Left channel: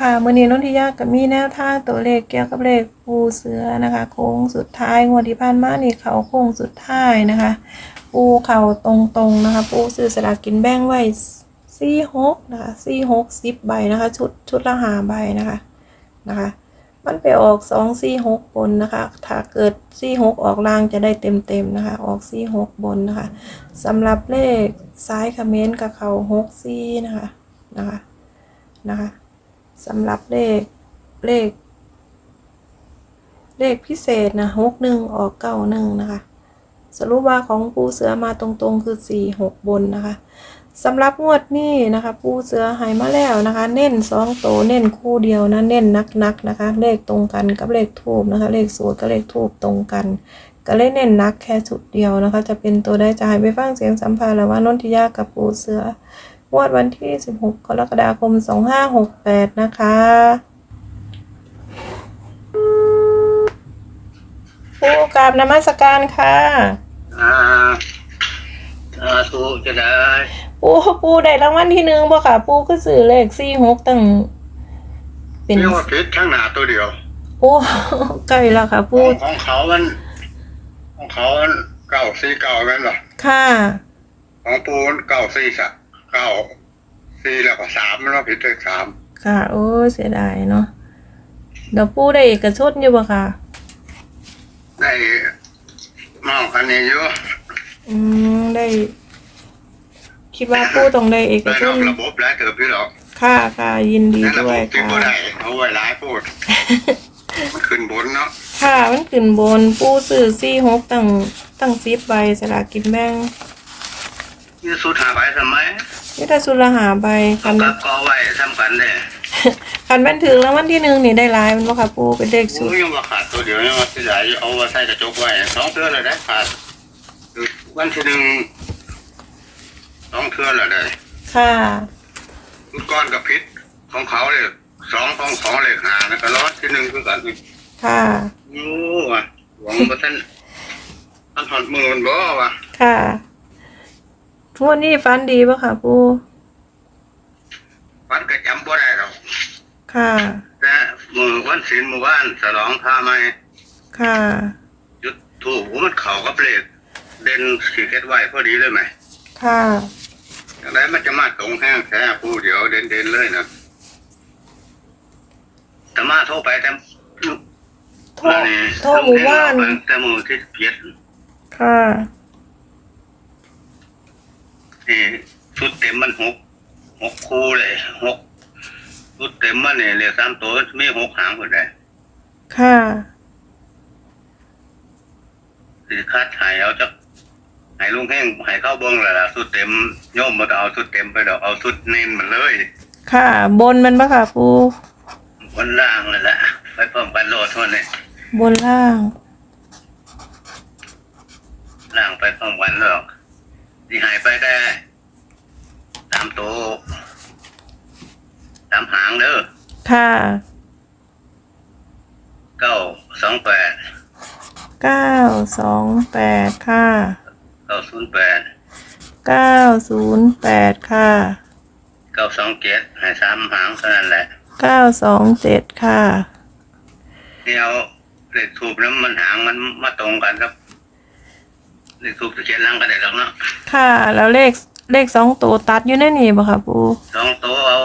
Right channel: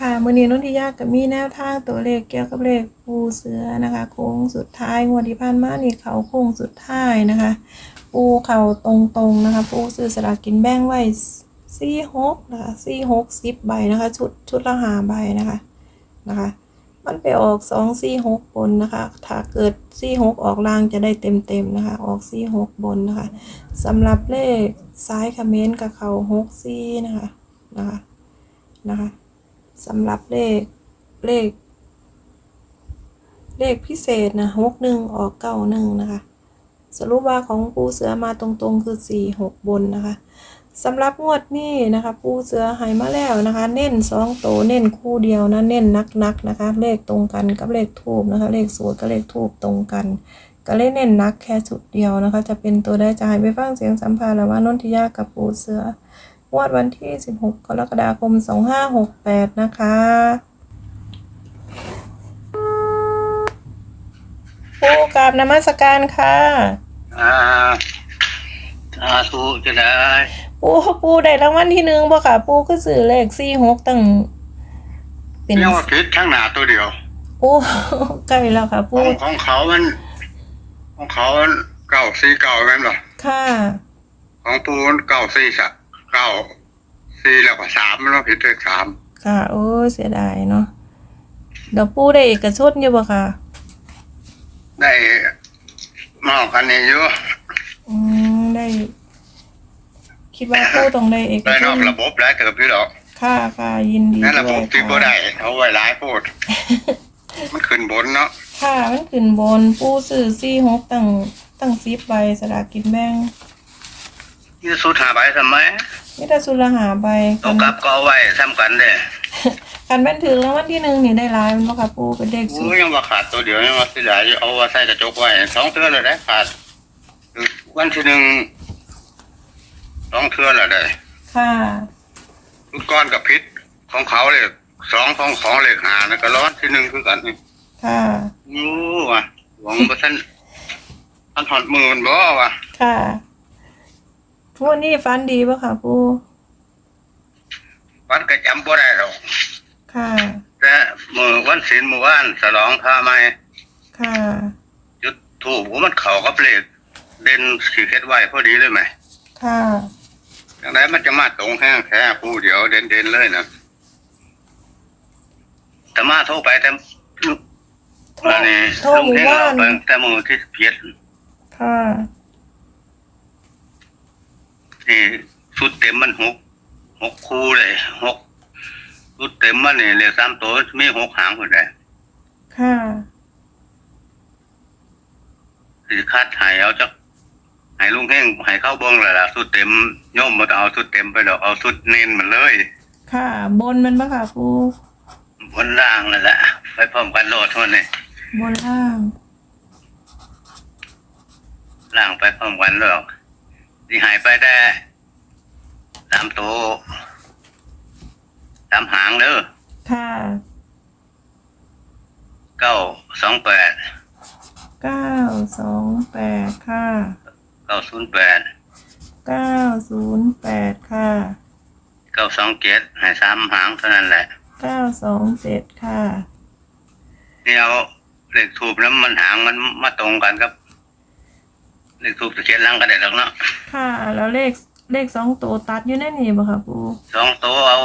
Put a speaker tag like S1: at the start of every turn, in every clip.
S1: ค่ะมือนี้นนทิยาก็มีแนวทางตัวเลขเกี่ยวกับเลขปูเสือนะคะ โค้งสุดท้ายงวดที่ผ่านมานี่เขาโค้งสุดท้ายนะคะ ปูเข่าตรงๆนะคะ ปูซื้อสลากกินแบ่งไว้สี่หกนะคะสี่หกสิบใบนะคะ ชุดชุดละหาใบนะคะนะคะ มันไปออกสองสี่หกบนนะคะ ถ้าเกิดสี่หกออกล่างจะได้เต็มๆนะคะ ออกสี่หกบนนะคะสำหรับเลขซ้ายคอมเมนต์กับเขาหกสี่นะคะนะคะนะคะ สำหรับเลขเลข เลขพิเศษนะหกหนึ่งออกเก้าหนึ่งนะคะ สรุปว่าของปูเสือมาตรงๆคือสี่หกบนนะคะสำหรับงวดนี้นะคะปูเสือหายมาแล้วนะคะ เน้นสองโตวเน้นคู่เดียวนะเน้นนักๆนะคะ เลขตรงกันกับเลขทูบนะคะ เลขสูตรกับเลขทูบตรงกัน ก็เลยเน้นนักแค่ชุดเดียวนะคะ จะเป็นตัวได้จะให้ไปฟังเสียงสัมภาษณ์แล้วว่านนทิยากับปูเสือ งวดวันที่ 16 กรกฎาคม 2568 นะคะปูกราบนมัสการค่ะ
S2: อ่าสาธุจะได้
S1: ปูปูได้รางวัลที่หนึ่งบ่ค่ะ ปูก็ซื้อเลขสี่หกตั้งเป็น
S2: เรียกว่าพิษข้างหน้าตัวเดียว
S1: โอ้ใกล้แล้วค่ะ
S2: ข
S1: ปู
S2: องของเขามันของเขามันเก้าสี่เก้าแม่นบ่
S1: ค่ะ
S2: ของตูนเก้าสี่สัก เก้าสี่แล้วก็สามมันว่าผิดเลขสาม
S1: ค่ะ โอ้ยเสียดายเนาะเดี๋ยวปูได้เอกชนอยู่บ่ค่ะ
S2: ได้มากกันนี้เยอะ
S1: อืมได้ คิดว่าปูต้องได้เอก
S2: ได้
S1: ช
S2: นอนกระบบหลายเติบพี่หรอก
S1: ค่ะค่ะยินดี
S2: นั่นระ
S1: ด้
S2: บ
S1: วย
S2: บที่บ่
S1: ค่ะ
S2: ได้เอาไว้หลายโพดมันขึ้นบนเนาะ
S1: ค่ะมันขึ้นบนปูซื้อสี่หกตั้งตั้งสิบใบสลากกินแบ่ง
S2: ยี่สุดหาใบทำไม
S1: นี่ถ้าสุรหาใบ
S2: เอา
S1: คัน
S2: กลับก็เอาไว้ทำกันเลย
S1: คันแม่นถึงแล้ววันที่หนึ่งนี่ได้หลายมันบ่ค่ะปูเป็นเลข
S2: กู
S1: สุด
S2: ยังว่าขาดตัวเดียวยังว่าสิหลายอยู่เอาไว้ใส่กระจกไว้สองเทื่อเลยได้ขาดวันที่หนึ่งสองเทื่อเลยได้
S1: ค่ะ
S2: ลูกก้อนกับพิษของเขาเลยสองของของเลยหาแล้วก็ร้อนที่หนึ่งคือกันนี่
S1: ค่ะ
S2: ยูว่ะหวังว่าท่านท่านหอดหมื่นบ่ว่ะ
S1: ค่ะ ทุกวันนี้ฟันดีป่ะค่ะปู
S2: วันก็จำบ่ได้หรอก
S1: ค่ะ
S2: แต่มือวันศีลมือว่านสลองพาไม่
S1: ค่ะ
S2: จุดถูกมันเข่ากับเลขเด่นขีดเค็ดไว้พอดีเลยไหม
S1: ค่ะ
S2: อย่างไรมันจะมาตรงแห้งแท้ผู้เดียวเด่นเด่นๆเลยนะแต่มาโทรไปแต่
S1: โทรโทรหมู่บ้าน
S2: แต่มือที่เพียร
S1: ค่ะ
S2: ที่ชุดเต็มมันหกหกคู่เลยหกชุดเต็มมันเนี่ยเหลือสามตัวมีหกหางหมดเลย
S1: ค่ะ
S2: สิคาดหายเอาจักใหายลุงเพ่งใหายเข้าเบงเลยล่ะชุดเต็มโยมมันก็เอาชุดเต็มไปดอกเอาชุดเน้นมันเลย
S1: ค่ะ บนมันป่ะค่ะปู
S2: บนล่างนั่นแหละไปพร้อมกันโลดทั่วนี่
S1: บนล่าง
S2: ล่างไปพร้อมกันเลย ที่หายไปได้สามตัวสามหางเด้อ
S1: ค่ะ
S2: เก้าสองแปด
S1: เก้าสองแปดค่ะ
S2: เก้าศูนย์แปด
S1: เก้าศูนย์แปดค่ะ
S2: เก้าสองเจ็ดหายสามหางเท่านั้นแหละ
S1: เก้าสองเจ็ดค่ะ
S2: นี่เอาเลขทูบแล้วมันหางมันมาตรงกันครับ เลขทูบจะเขียนหลังกันได้แล้วเนาะ
S1: ค่ะ แล้วเลขเลขสองตัวตัดอยู่ในนี่ป่ะค่ะปู
S2: สองตัวเอา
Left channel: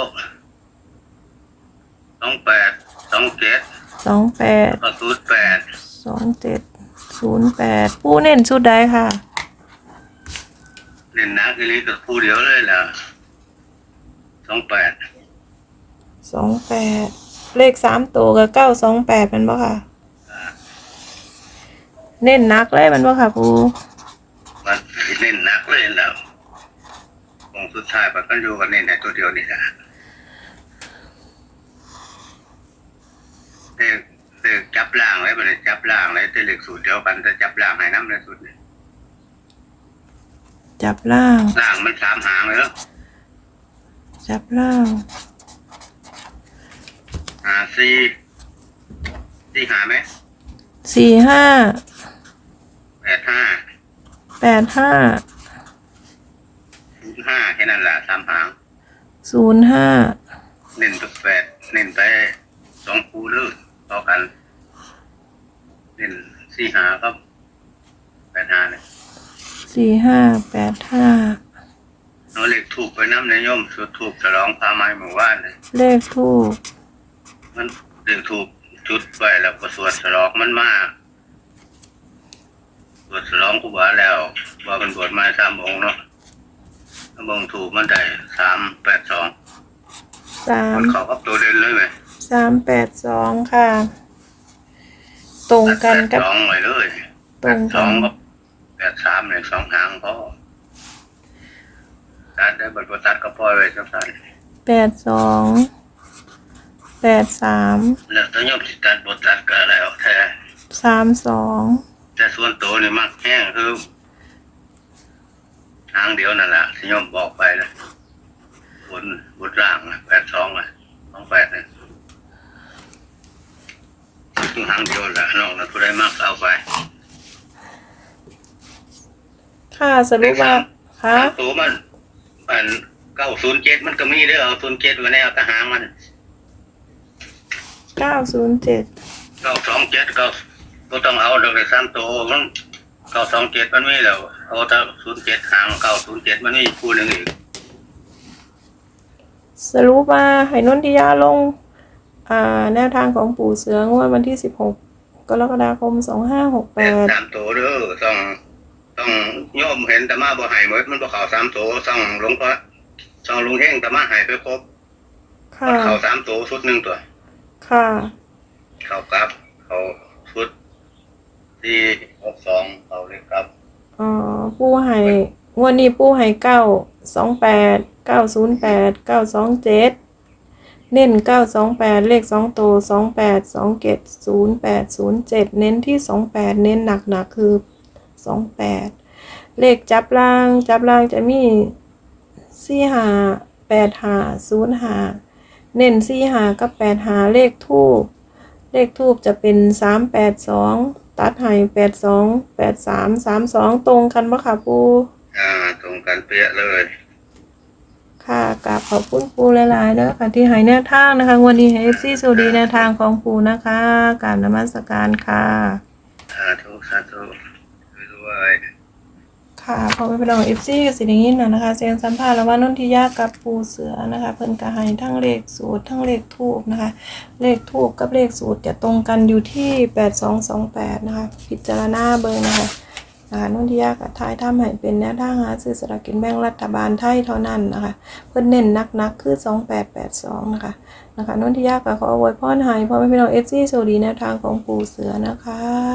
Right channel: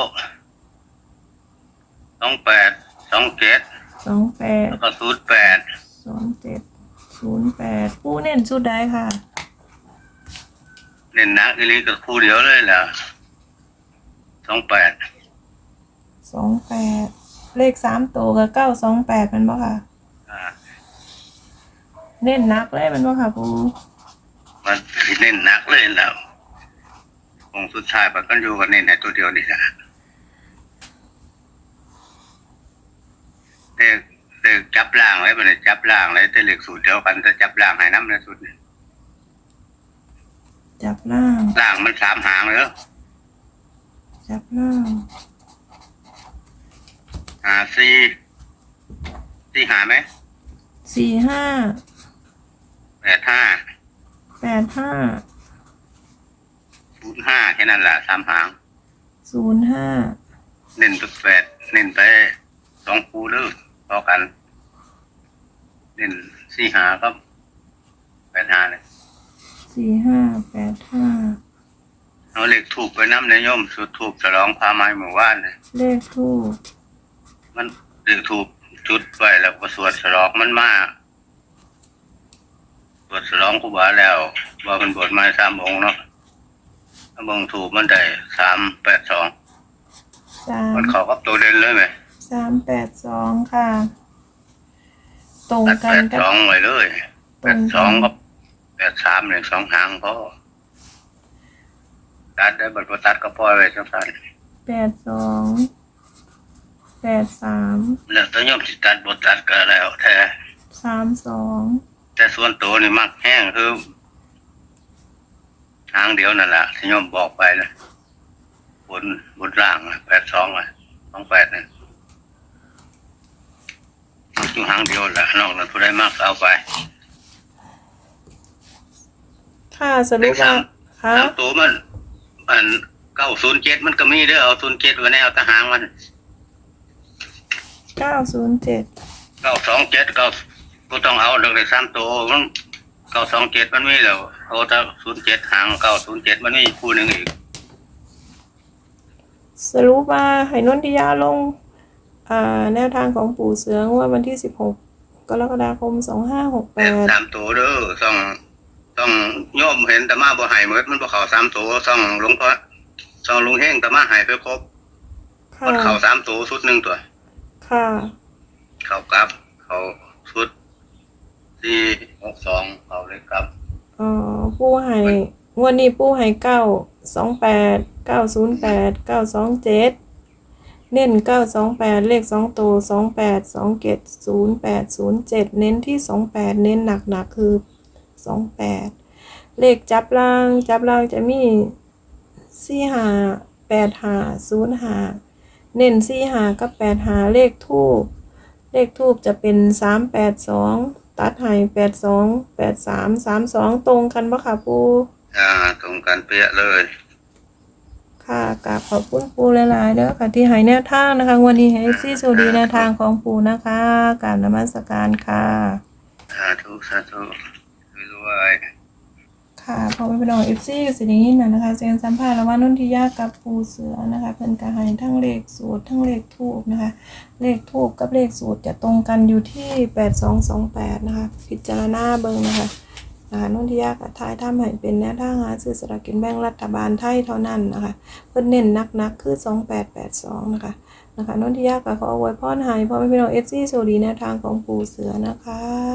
S2: สองแปดสองเจ็ด
S1: สองแปด
S2: ก็ศูนย์แปด
S1: สองเจ็ดศูนย์แปดปูเน้นชุดใดค่ะ
S2: เล่นหนักทีนี้ก็คู่เดียวเลยล่ะสองแปด
S1: สองแปดเลขสามตัวกับเก้าสองแปดมันบ่ค่ะ เน้นหนักเลยมันบ่ค่ะปู
S2: มันเล่นหนักเลยแล้วองค์สุดท้ายมันก็อยู่กันนี่ในตัวเดียวนี่แหละเด็กเด็กจับล่างไว้มันเลยจับล่างเลยแต่เหล็กสูตรเดียวกันจะจับล่างให้น้ำในสุดเนี่ย
S1: จับล่าง
S2: ล่างมันสามหางเลย
S1: จับล่าง
S2: หาสี่สี่หาไหม
S1: สี่ห้า
S2: แปดห้า
S1: แปดห้า
S2: ศูนย์ห้าแค่นั้นแหละสามหาง
S1: ศูนย์ห้า
S2: เน้นตัวแปดเน้นไปสองคูเด้อต่อกันเน้นสี่หาก็แปดหาเลย
S1: สี่ห้าแปดห้า
S2: เอาเลขถูกไปน้ำในย่อมสุดถูกฉลองพาไม้หมู่บ้านเลย
S1: เลขทูบ
S2: มันเลขถูกจุดไว้แล้วก็สวดฉลองมันมาก สวดฉลองครูบาแล้วว่ามันบวชมาสามองค์เนาะถ้ามองถูกมันได้สามแปดสอง
S1: สาม
S2: มันเขากับตัวเด่นเลยไหม
S1: สามแปดสองค่ะ ตรงกัน
S2: แป
S1: กั
S2: ด
S1: บ
S2: สองไว้เลย
S1: ตรงกัน
S2: แปดสองกับแปดสามเนี่ยสองหางพอตัดได้บทตัดก็พอเลยจังสัน
S1: แปดสองแปดสาม
S2: แล้วตัวโยมสิตัดบทตัดก็แล้วแต่
S1: สามสอง
S2: แต่ส่วนตัวนี่มักแห้งคือ ทางเดียวนั่นแหละที่โยมบอกไปนะบนบนล่างนะแปดสองอะสองแปดเนี่ยอยู่หางเดียวแหละนอกนั้นผู้ใดมักเอาไป
S1: ค่ะสรุปว่าค่ะ
S2: ตัวมันอันเก้าศูนย์เจ็ดมันก็มีเด้อเอาศูนย์เจ็ดไว้ในเอาทหางมัน
S1: เก้าศูนย์เจ็ด
S2: เก้าสองเจ็ดเก้า ก็ต้องเอาเลยสามตัวมันเก้าสองเจ็ดมันมีแล้วเอาแต่ศูนย์เจ็ดหางเก้าศูนย์เจ็ดมันมีคู่หนึ่งอีก
S1: สรุปว่าให้นนทิยาลงอ่าแนวทางของปู่เสืองวดวันที่สิบหกกรกฎาคมสองห้าหกแปด
S2: สามตัวเด้อต้องต้องโยมเห็นตะมาบ่ใหายหมดมันบ่เข้าสามตัวต้องหลวงพ่อต้องลุงเฮงตะมาใหายไปครบ
S1: ค่ะ
S2: มันเข้าสามตัวชุดหนึ่งตัว
S1: ค่ะ
S2: เข้ากับเข้าชุด สี่หกสองเขาเลยครับ
S1: อ่อปูให้งวดนี้ปูให้เก้าสองแปดเก้าศูนย์แปดเก้าสองเจ็ดเน้นเก้าสองแปดเลขสองตัวสองแปดสองเจ็ดศูนย์แปดศูนย์เจ็ดเน้นที่สองแปดเน้นหนักหนักคือสองแปดเลขจับล่างจับล่างจะมีสี่หาแปดหาศูนย์หาเน้นสี่หากับแปดหาเลขทูบเลขทูบจะเป็นสามแปดสอง ตัดให้แปดสองแปดสามสามสองตรงกันปะค่ะปู
S2: อ่าตรงกันเป๊ะเลย
S1: ค่ะกราบขอบคุณปูหลายๆเด้อค่ะที่ให้แนวทางนะคะวันนี้ให้เอฟซีสวัสดีแนวทางของปูนะคะกราบนมัสการค่ะ
S2: สาธุ สาธุรวย
S1: ค่ะพอไม่เป็นองเอฟซีก็สิอย่งนี้นะนะคะเสียงสัมภาษณ์ระหว่างนนทิยากับปูเสือนะคะ เพิ่นก็ให้ทั้งเลขสูตรทั้งเลขทูบนะคะ เลขทูบกับเลขสูตรจะตรงกันอยู่ที่แปดสองสองแปดนะคะ พิจารณาเบิ่งนะคะนะคะนนทิยากับทายทำให้เป็นแนวทางหาซื้อสลากกินแบ่งรัฐบาลไทยเท่านั้นนะคะ เพิ่นเน้นนักๆคือสองแปดแปดสองนะคะนะคะนนทิยาก็ขออวยพรให้พอแม่พี่น้องเอฟซีสวัสดีแนวทางของปูเสือนะคะ